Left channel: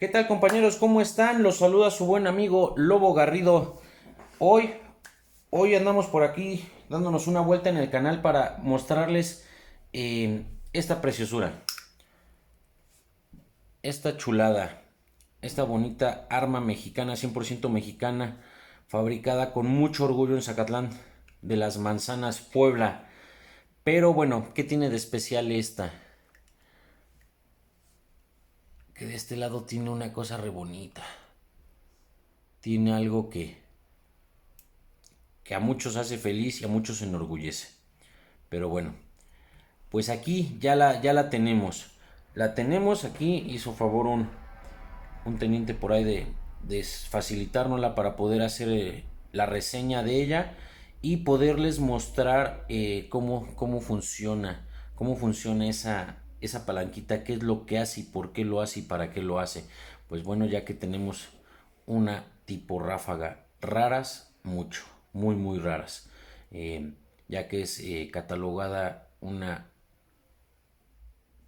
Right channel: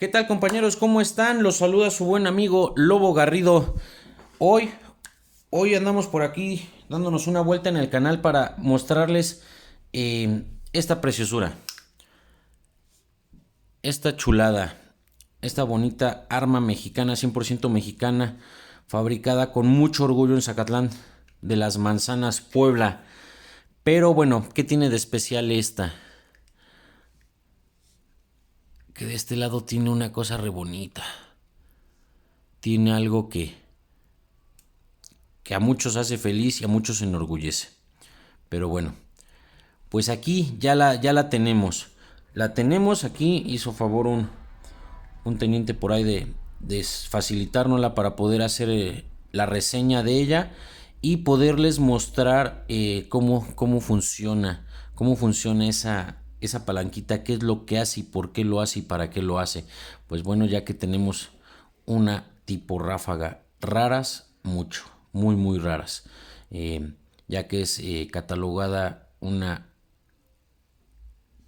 ¿Qué tal, compañeros? ¿Cómo están? Los saluda su buen amigo Lobo Garrido. Hoy, hoy andamos por aquí dándonos una vuelta en el canal para mostrarles esta preciosura, esta chulada, esta bonita arma mexicana, 100% mexicana, fabricada con mucho orgullo en Zacatlán de las Manzanas, Puebla. Pero bueno, ¿qué tiene de especial esta? Que de este lado tiene una cosa re bonita. Tiene algo que a muchos hace feliz y a muchos enorgullece. Pero bueno, pues aquí ya la tenemos. La tenemos aquí, hizo favor un teniente por ahí de facilitárnosla para poder hacer la reseña de ella y poderles mostrar cómo funciona esa palanquita, qué es lo que hace y por qué lo hace y para qué lo hace. Pues bueno, ya que tenemos una tipo ráfaga, raras mucho, muy raras, ya que es catalogada una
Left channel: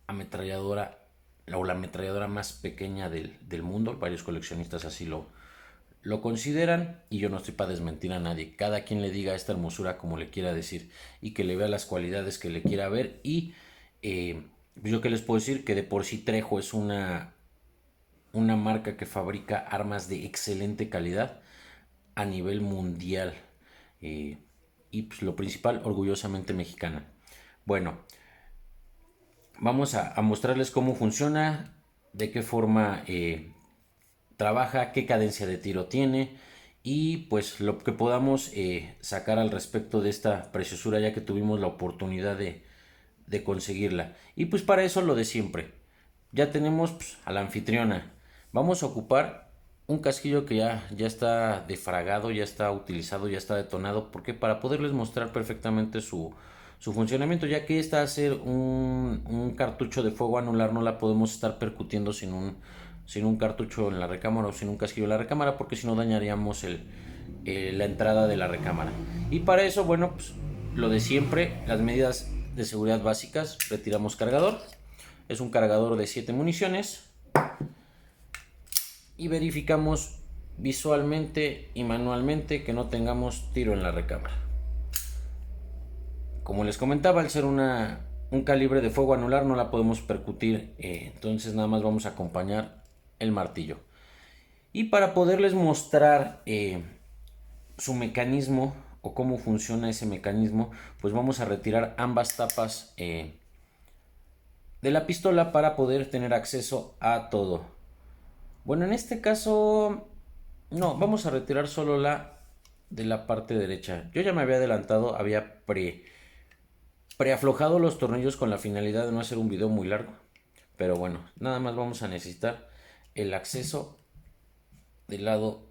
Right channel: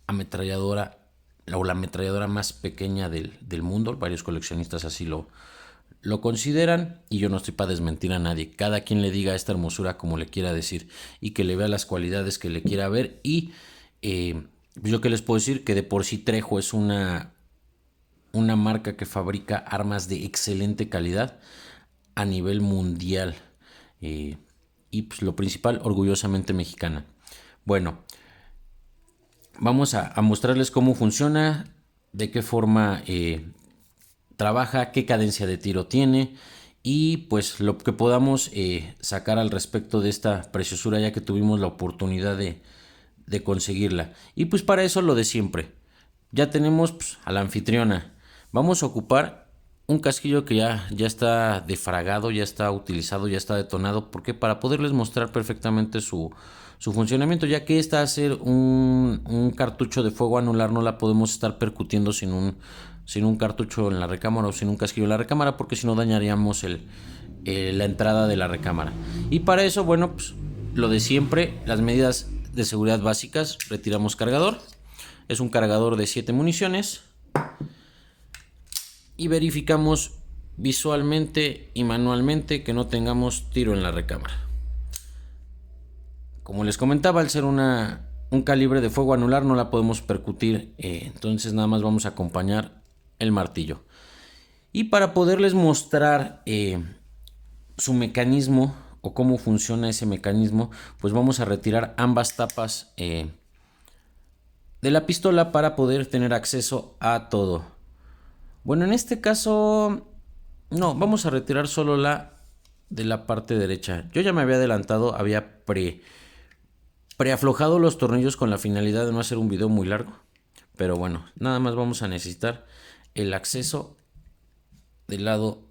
ametralladora o la ametralladora más pequeña del mundo. Varios coleccionistas así lo consideran y yo no estoy para desmentir a nadie. Cada quien le diga esta hermosura como le quiera decir y que le vea las cualidades que le quiera ver. Y yo que les puedo decir que de por sí Trejo es una marca que fabrica armas de excelente calidad a nivel mundial. Eh, y pues lo principal, orgullosamente mexicana. Bueno, vamos a mostrarles cómo funciona, de qué forma trabaja, qué cadencia de tiro tiene y pues lo que podamos sacar al respecto de esta preciosura ya que tuvimos la oportunidad de conseguirla. Y pues para eso lo de siempre. Ya tenemos pues, a la anfitriona. Vamos a ocupar un casquillo que ya está defragado, ya está utilizado, ya está detonado. Porque para poderles mostrar perfectamente su funcionamiento, ya que esta hacer un cartucho de fuego anular no la podemos estar percutiendo sin un cartucho en la recámara o sin un casquillo en la recámara, porque si no dañaríamos la entrada de la recámara. Y para eso, bueno, pues lo de siempre, las medidas de seguridad básicas: retiramos cargador, es un cargador de 7 municiones, y verificamos visualmente y manualmente que no tengamos tiro en la recámara. Como les comentaba, al ser un calibre de fuego anular no la podemos percutir, entonces nada más vamos a acompañar el martillo. Y para poderles mostrar su mecanismo o cómo funciona ese mecanismo, pues vamos a retirar ambas tapas de la pistola para poder tener acceso a todo. Bueno, en este caso no, vamos a retirar solo la de la parte derecha. Yo ya me había adelantado, había preaflojado los tornillos con la finalidad de no hacer un video muy largo. Pero bueno, nada más vamos a necesitar el acceso del lado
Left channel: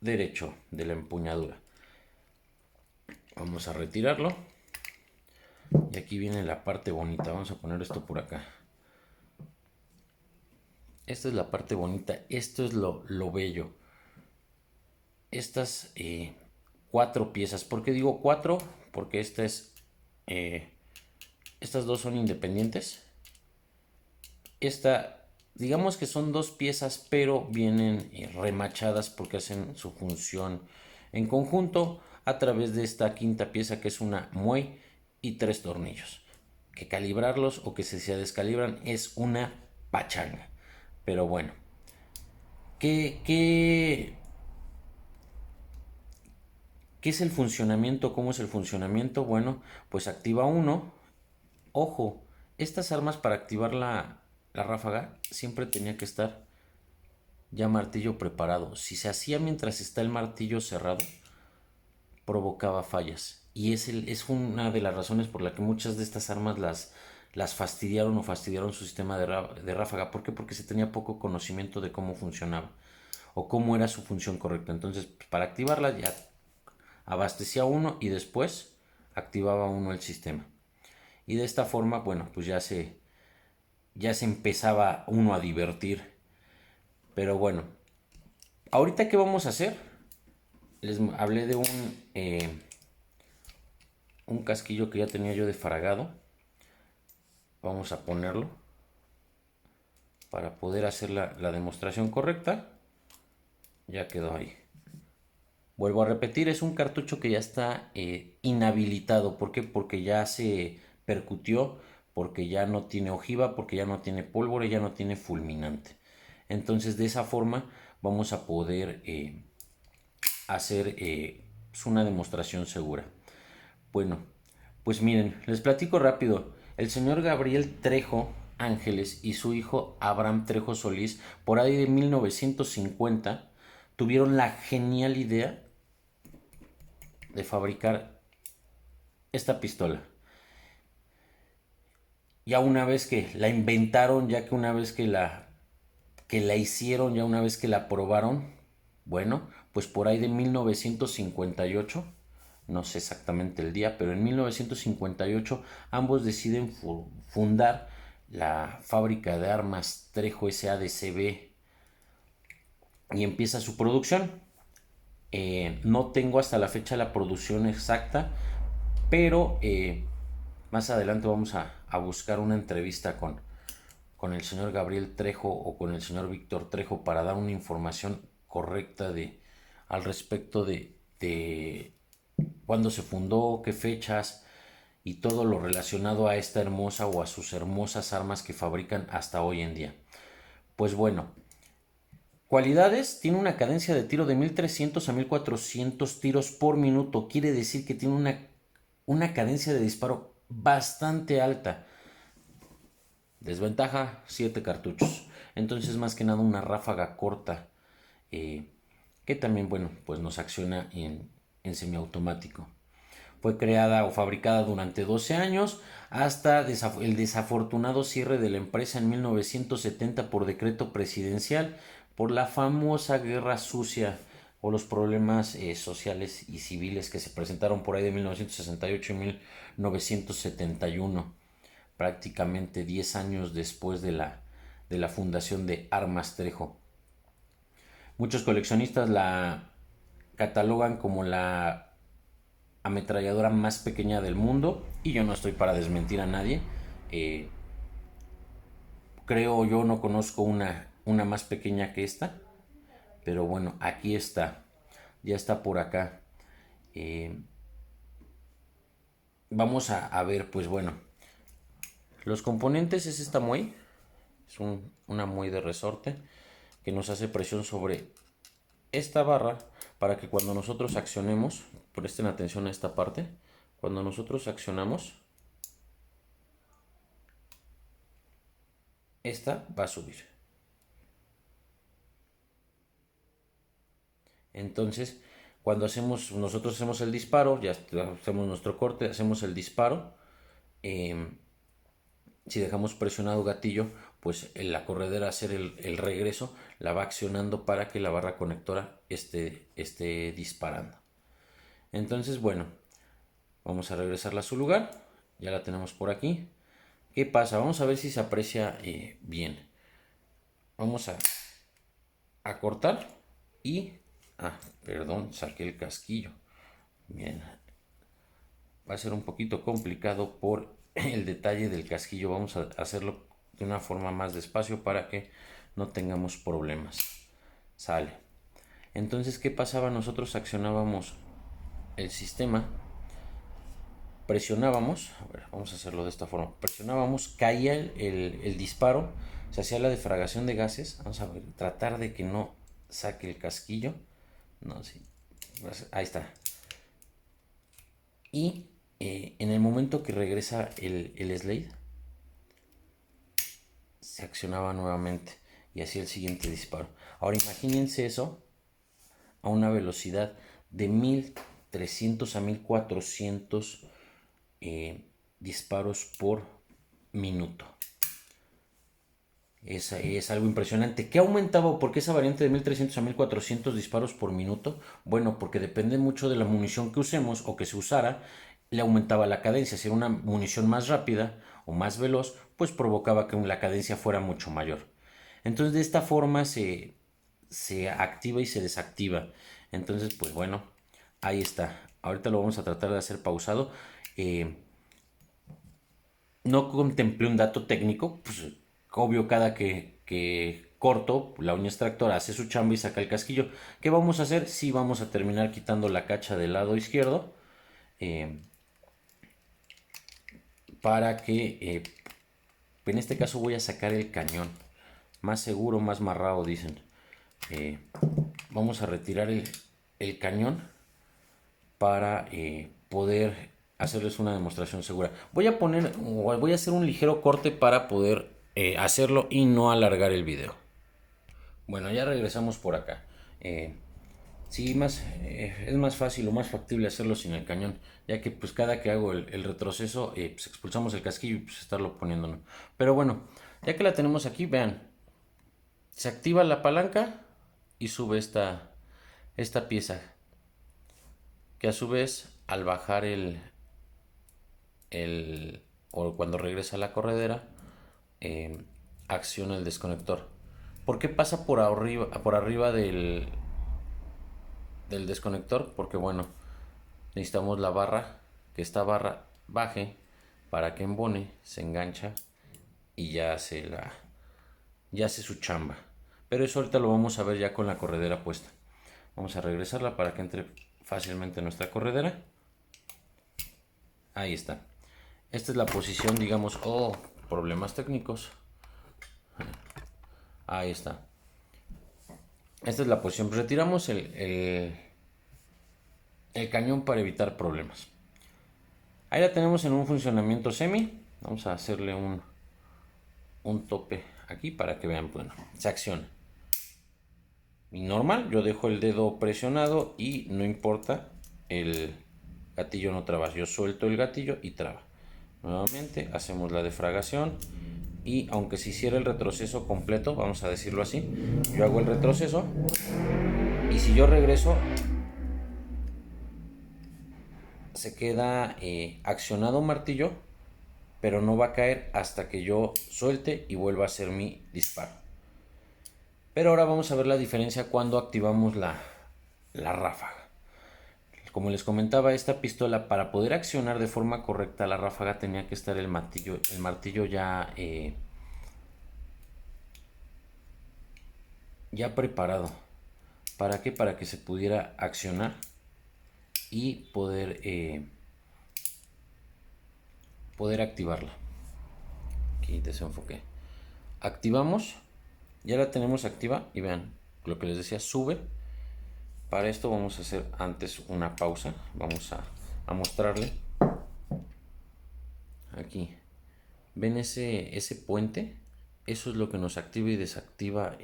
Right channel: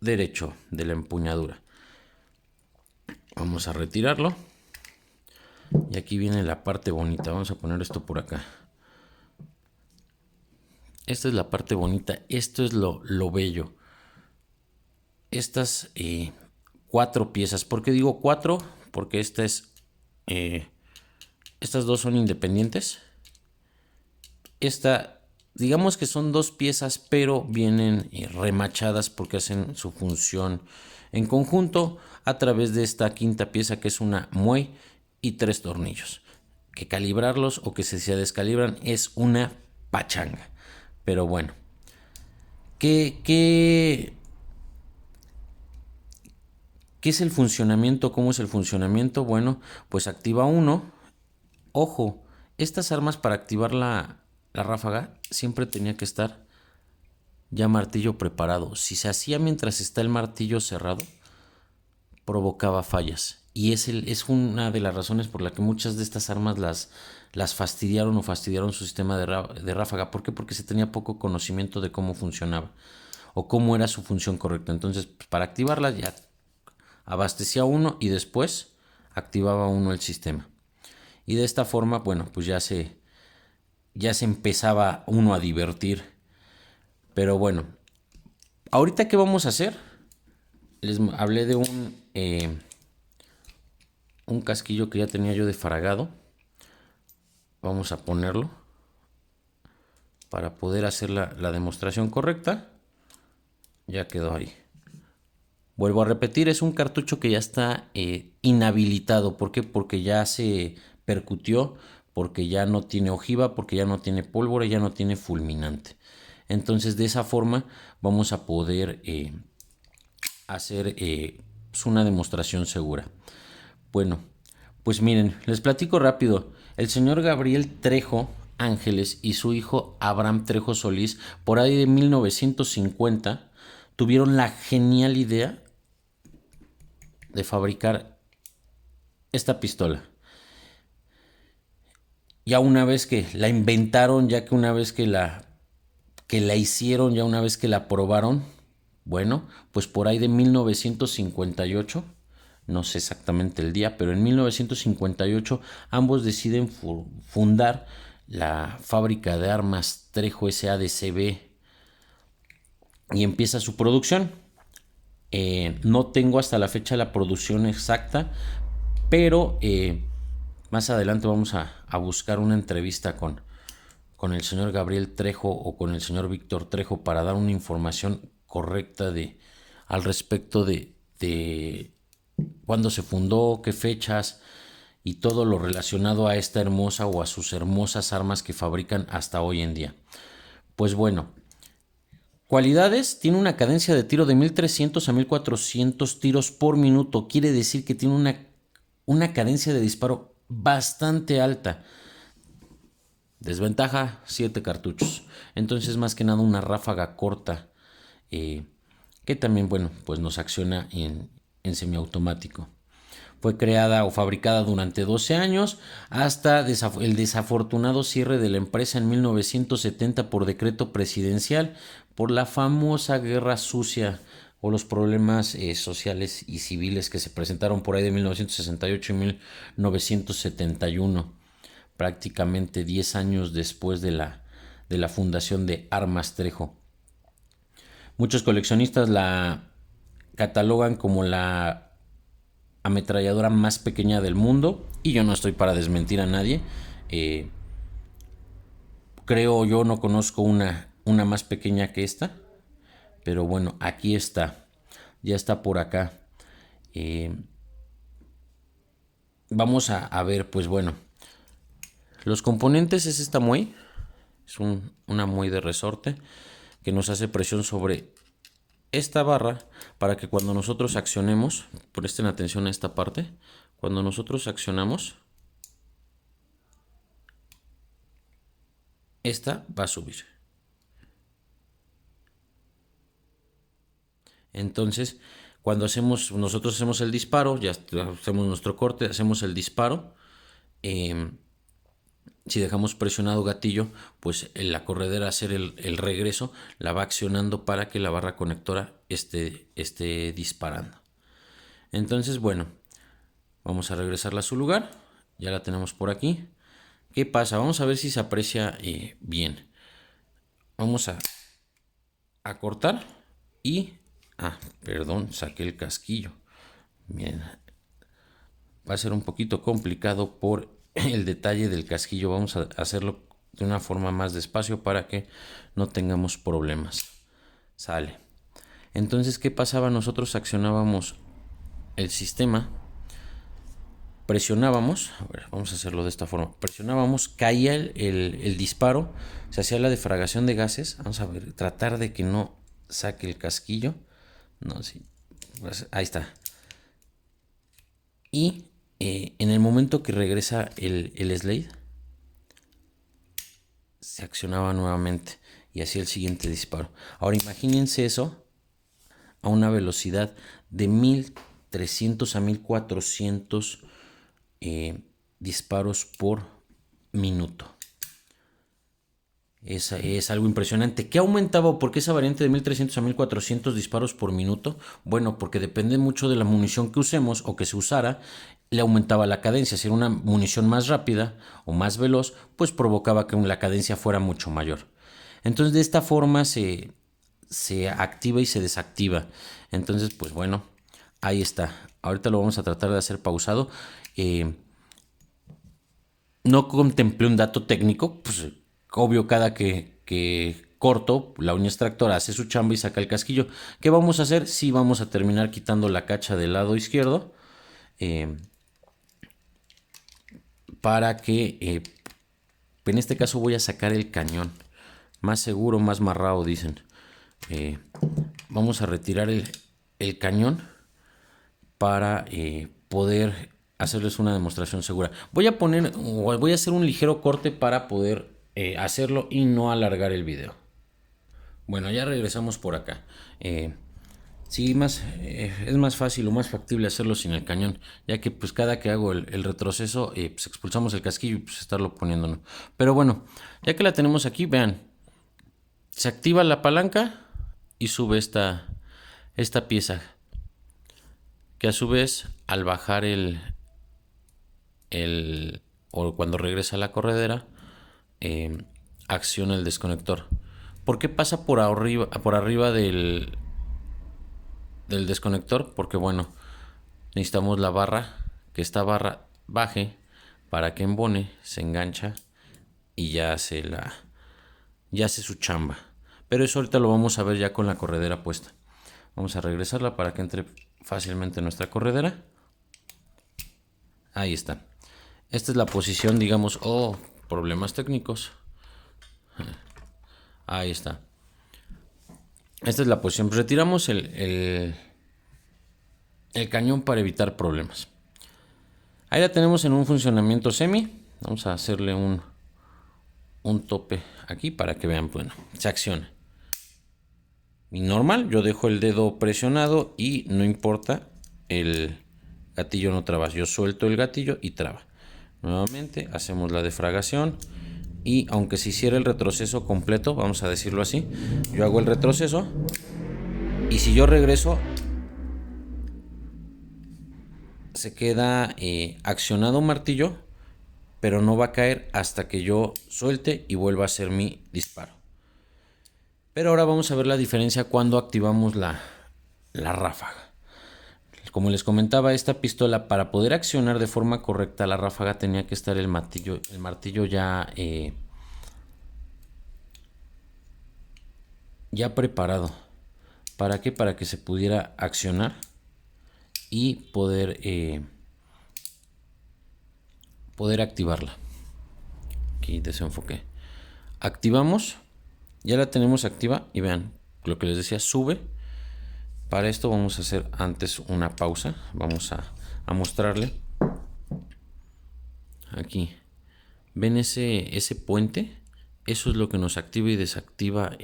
derecho de la empuñadura. Vamos a retirarlo. Y aquí viene la parte bonita. Vamos a poner esto por acá. Esta es la parte bonita. Esto es lo bello. Estas 4 piezas. ¿Por qué digo 4? Porque estas dos son independientes. Esta, digamos que son 2 piezas, pero vienen remachadas porque hacen su función en conjunto a través de esta quinta pieza, que es una muey y 3 tornillos. Que calibrarlos o que se descalibran es una pachanga. Pero bueno, ¿qué es el funcionamiento? ¿Cómo es el funcionamiento? Bueno, pues activa uno. Ojo, estas armas, para activar la ráfaga siempre tenía que estar ya martillo preparado. Si se hacía mientras está el martillo cerrado, provocaba fallas. Y es una de las razones por la que muchas de estas armas las fastidiaron o fastidiaron su sistema de ráfaga. ¿Por qué? Porque se tenía poco conocimiento de cómo funcionaba o cómo era su función correcta. Entonces, para activarla ya abastecía uno y después activaba uno el sistema. Y de esta forma, bueno, pues ya se empezaba uno a divertir. Pero bueno, ahorita qué vamos a hacer. Les hablé de un casquillo que ya tenía yo defragado. Vamos a ponerlo. para poder hacer la demostración correcta. Ya quedó ahí. Vuelvo a repetir, es un cartucho que ya está inhabilitado. ¿Por qué? Porque ya se percutió, porque ya no tiene ojiva, porque ya no tiene pólvora, ya no tiene fulminante. Entonces, de esa forma vamos a poder hacer pues una demostración segura. Bueno, pues miren, les platico rápido. El señor Gabriel Trejo Ángeles y su hijo Abraham Trejo Solís, por ahí de 1950, tuvieron la genial idea de fabricar esta pistola. Ya una vez que la inventaron, ya que una vez que la hicieron, ya una vez que la probaron, bueno, pues por ahí de 1958, no sé exactamente el día, pero en 1958 ambos deciden fundar la fábrica de armas Trejo SADCB y empieza su producción. No tengo hasta la fecha la producción exacta, pero más adelante vamos a buscar una entrevista con el señor Gabriel Trejo o con el señor Víctor Trejo para dar una información correcta al respecto de cuándo se fundó, qué fechas y todo lo relacionado a esta hermosa o a sus hermosas armas que fabrican hasta hoy en día. Pues bueno, cualidades: tiene una cadencia de tiro de 1300 a 1400 tiros por minuto. Quiere decir que tiene una cadencia de disparo bastante alta. Desventaja: 7 cartuchos. Entonces, más que nada, una ráfaga corta que también, bueno, pues nos acciona en semiautomático. Fue creada o fabricada durante 12 años hasta el desafortunado cierre de la empresa en 1970 por decreto presidencial por la famosa guerra sucia o los problemas sociales y civiles que se presentaron por ahí de 1968 y 1971, prácticamente 10 años después de la fundación de Armas Trejo. Muchos coleccionistas la catalogan como la ametralladora más pequeña del mundo y yo no estoy para desmentir a nadie. Creo yo no conozco una más pequeña que esta, pero bueno, aquí está, ya está por acá. Vamos a ver, pues bueno, los componentes: es esta muey, es una muey de resorte que nos hace presión sobre esta barra para que cuando nosotros accionemos, presten atención a esta parte, cuando nosotros accionamos, esta va a subir. Entonces, cuando nosotros hacemos el disparo, ya hacemos nuestro corte, hacemos el disparo. Si dejamos presionado gatillo, pues la corredera hacer el regreso la va accionando para que la barra conectora esté disparando. Entonces, bueno, vamos a regresarla a su lugar. Ya la tenemos por aquí. ¿Qué pasa? Vamos a ver si se aprecia bien. Vamos a cortar y... perdón, saqué el casquillo. Bien. Va a ser un poquito complicado por el detalle del casquillo. Vamos a hacerlo de una forma más despacio para que no tengamos problemas. Sale. Entonces, ¿qué pasaba? Nosotros accionábamos el sistema, presionábamos, a ver, vamos a hacerlo de esta forma, presionábamos, caía el disparo, se hacía la defragación de gases. Vamos a ver, tratar de que no saque el casquillo. No, sí, ahí está. Y en el momento que regresa el Slade, se accionaba nuevamente y hacía el siguiente disparo. Ahora imagínense eso a una velocidad de 1300 a 1400 disparos por minuto. Es algo impresionante. ¿Qué aumentaba? ¿Por qué esa variante de 1300 a 1400 disparos por minuto? Bueno, porque depende mucho de la munición que usemos o que se usara, le aumentaba la cadencia. Si era una munición más rápida o más veloz, pues provocaba que la cadencia fuera mucho mayor. Entonces, de esta forma se activa y se desactiva. Entonces, pues bueno, ahí está. Ahorita lo vamos a tratar de hacer pausado. No contemplé un dato técnico, pues obvio, cada que corto, la uña extractora hace su chamba y saca el casquillo. ¿Qué vamos a hacer? Sí, vamos a terminar quitando la cacha del lado izquierdo. eh, para que en este caso voy a sacar el cañón. Más seguro, más marrado, dicen. Eh, Vamos a retirar el cañón para poder hacerles una demostración segura. Voy a hacer un ligero corte para poder hacerlo y no alargar el video. Bueno, ya regresamos por acá. Sí, es más fácil o más factible hacerlo sin el cañón, ya que pues cada que hago el retroceso, pues expulsamos el casquillo y pues estarlo poniéndonos. Pero bueno, ya que la tenemos aquí, vean, se activa la palanca y sube esta pieza, que a su vez al bajar o cuando regresa a la corredera, acciona el desconector. ¿Por qué pasa por arriba del desconector? Porque bueno, necesitamos la barra, que esta barra baje para que embone, se engancha y ya hace su chamba. Pero eso ahorita lo vamos a ver ya con la corredera puesta. Vamos a regresarla para que entre fácilmente nuestra corredera. Ahí está. Esta es la posición, digamos, problemas técnicos. Ahí está. Esta es la posición. Retiramos el cañón para evitar problemas. Ahí la tenemos en un funcionamiento semi. Vamos a hacerle un tope aquí para que vean, bueno, se acciona. Y normal, yo dejo el dedo presionado y no importa, el gatillo no traba. Yo suelto el gatillo y traba. Nuevamente hacemos la defragación y aunque se hiciera el retroceso completo, vamos a decirlo así, yo hago el retroceso y si yo regreso se queda accionado un martillo, pero no va a caer hasta que yo suelte y vuelva a hacer mi disparo. Pero ahora vamos a ver la diferencia cuando activamos la ráfaga. Como les comentaba, esta pistola, para poder accionar de forma correcta la ráfaga, tenía que estar el martillo ya preparado. ¿Para qué? Para que se pudiera accionar y poder activarla. Aquí desenfoqué. Activamos, ya la tenemos activa y vean, lo que les decía, sube. Para esto vamos a hacer antes una pausa. Vamos a mostrarle. Aquí. ¿Ven ese puente? Eso es lo que nos activa y desactiva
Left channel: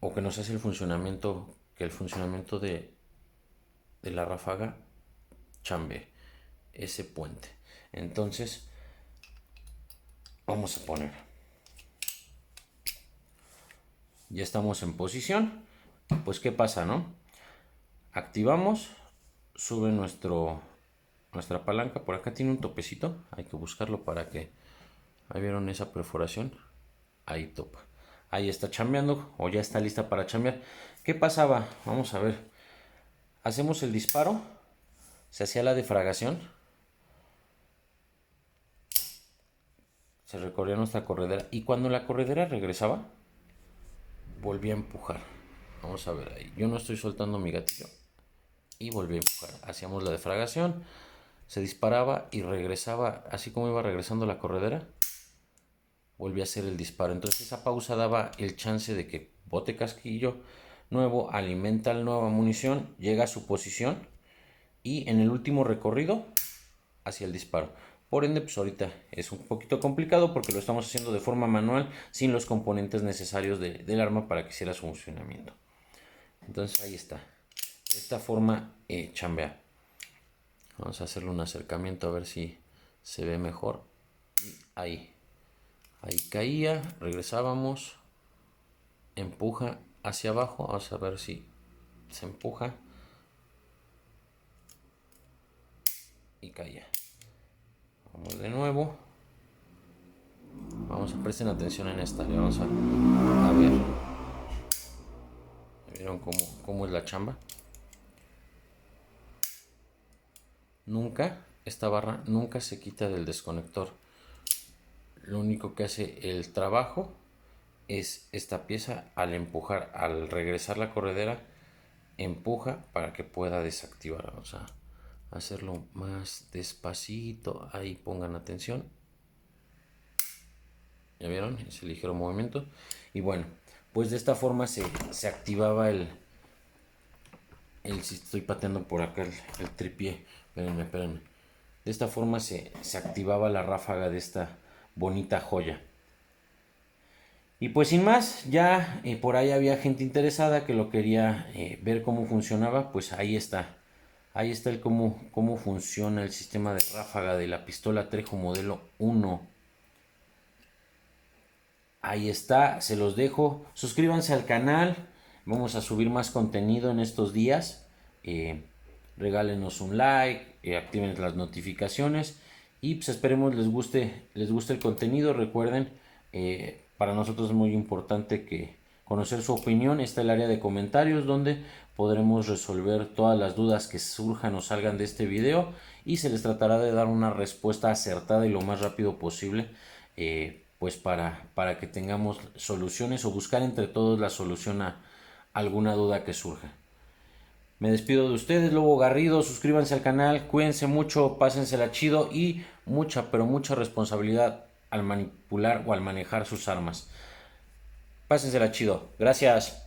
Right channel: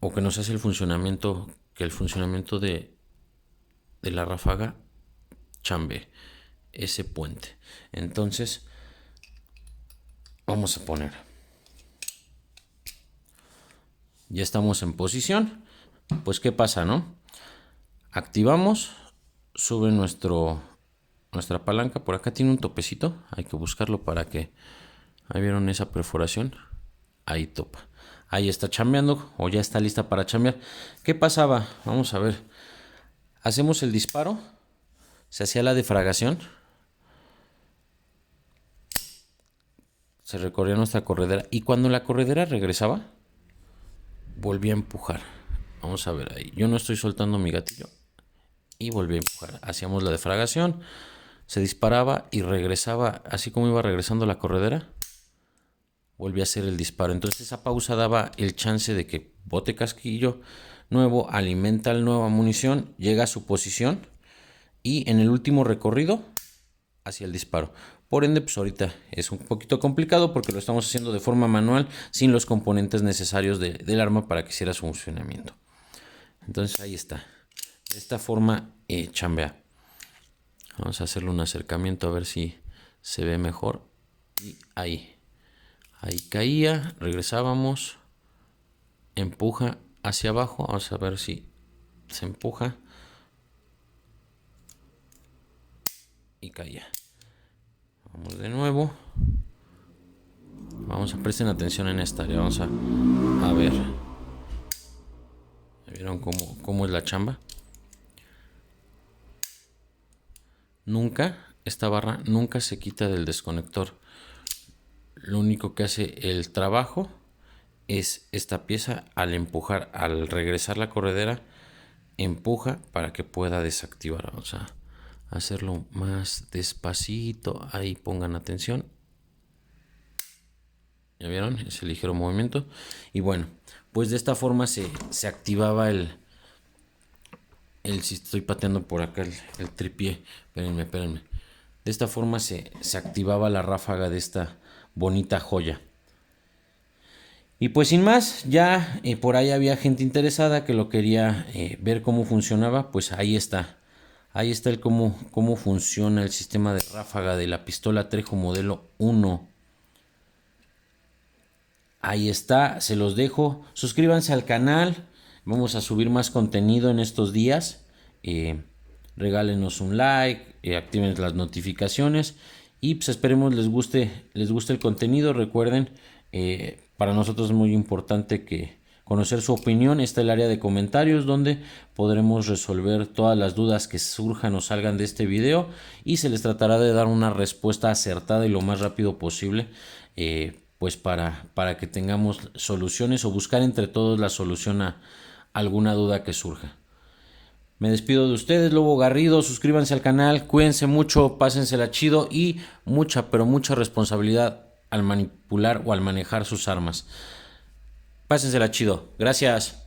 o que nos hace el funcionamiento, que el funcionamiento de la ráfaga chambee. Ese puente. Entonces, vamos a poner. Ya estamos en posición. Pues, ¿qué pasa, no? Activamos, sube nuestra palanca. Por acá tiene un topecito, hay que buscarlo para que... Ahí vieron esa perforación, ahí topa. Ahí está chambeando o ya está lista para chambear. ¿Qué pasaba? Vamos a ver. Hacemos el disparo, se hacía la defragación, se recorría nuestra corredera y cuando la corredera regresaba, volvía a empujar. Vamos a ver ahí. Yo no estoy soltando mi gatillo y volví a empujar. Hacíamos la defragación, se disparaba y regresaba, así como iba regresando la corredera, volví a hacer el disparo. Entonces esa pausa daba el chance de que bote casquillo nuevo, alimenta la nueva munición, llega a su posición y en el último recorrido hacia el disparo. Por ende, pues ahorita es un poquito complicado porque lo estamos haciendo de forma manual sin los componentes necesarios del arma para que hiciera su funcionamiento. Entonces ahí está. De esta forma chambea. Vamos a hacerle un acercamiento a ver si se ve mejor. Y ahí caía, regresábamos, empuja hacia abajo. Vamos a ver si se empuja y caía. Vamos de nuevo. Vamos a presten atención en esta área. Vamos a ver. ¿Vieron cómo es la chamba? Esta barra nunca se quita del desconector. lo único que hace el trabajo es esta pieza al empujar, al regresar la corredera, empuja para que pueda desactivar. Vamos a hacerlo más despacito, ahí pongan atención. ¿Ya vieron? Ese ligero movimiento. Y bueno, pues de esta forma se activaba si estoy pateando por acá el tripié. Espérenme. De esta forma se activaba la ráfaga de esta bonita joya. Y pues sin más, ya por ahí había gente interesada que lo quería ver cómo funcionaba. Pues ahí está. Ahí está el cómo funciona el sistema de ráfaga de la pistola Trejo modelo 1. Ahí está, se los dejo. Suscríbanse al canal. Vamos a subir más contenido en estos días. Regálenos un like, activen las notificaciones y pues esperemos les guste el contenido. Recuerden, para nosotros es muy importante que conocer su opinión. Está el área de comentarios donde podremos resolver todas las dudas que surjan o salgan de este video y se les tratará de dar una respuesta acertada y lo más rápido posible, pues para que tengamos soluciones o buscar entre todos la solución a alguna duda que surja. Me despido de ustedes, Lobo Garrido. Suscríbanse al canal, cuídense mucho, pásensela chido y mucha, pero mucha responsabilidad al manipular o al manejar sus armas. Pásensela chido. Gracias.